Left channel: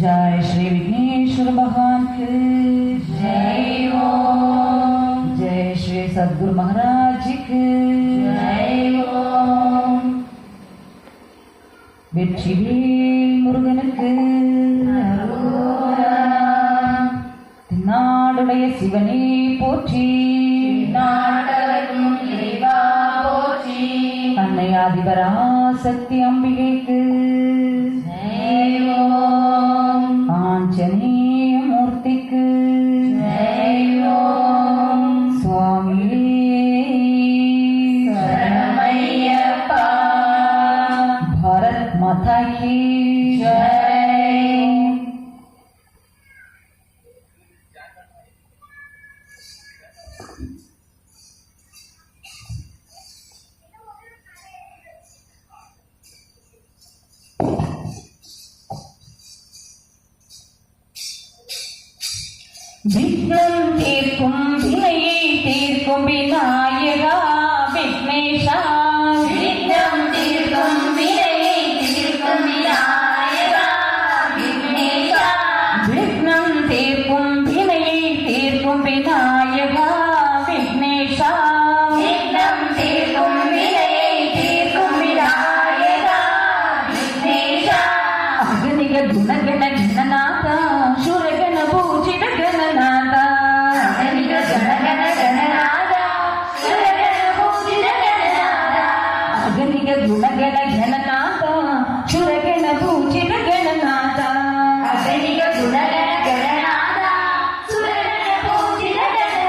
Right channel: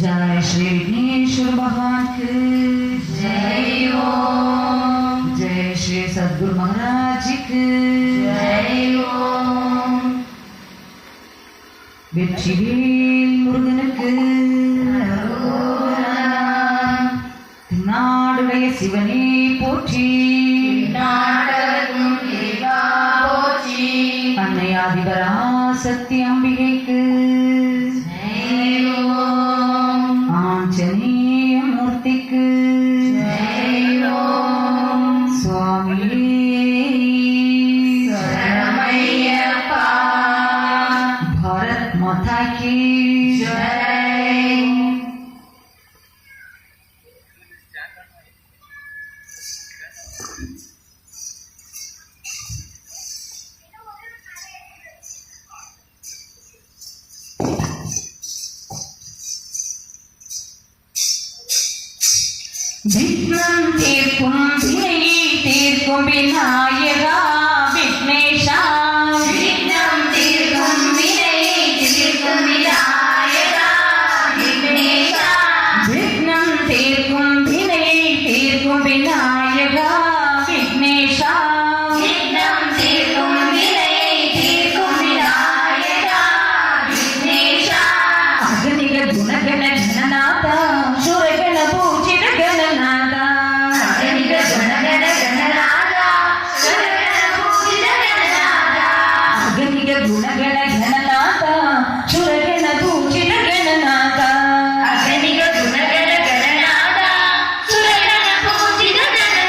जय श्री विघ्नेश्वर भगवान की जय ओम। जय श्री सद्गुरु महाराज जी की जय ओम। வெற்றிவேல் முருகனுக்கு நாடுடைய சிவனே போற்றி, நாடகத்தும் இறைவா போற்றி, அன்னை ஆதிபராசக்தி அம்பிகைக்கு ஆஞ்சநேய மூர்த்திக்கு சுவாமியே சரணமையப்பா, பாரத் மாதா की जय। விக்னம் தீர்க்கும் வினையை தீர்க்கும் விநாயகா விக்னேஷா, விக்னம் தீர்க்கும் வினையை தீர்க்கும் விநாயகா விக்னேஷா, விக்னம் தீர்க்கும் வினையை தீர்க்கும் விநாயகா விக்னேஷா, விக்னம் தீர்க்கும் வினையை தீர்க்கும் விநாயகா விக்னேஷா, அகனிக குணகண கணநாதா சுரகண பூஜித கணநாதா, அகனிக குணகண கணநாதா சுரகண பூஜித கணநாதா, அகனிக குணகண கணநாதா சுரகண பூஜித கணநாதா, அகனிக குணகண கணநாதா சுரகண பூஜித கணநாதா,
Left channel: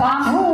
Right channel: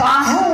ஐயப்பா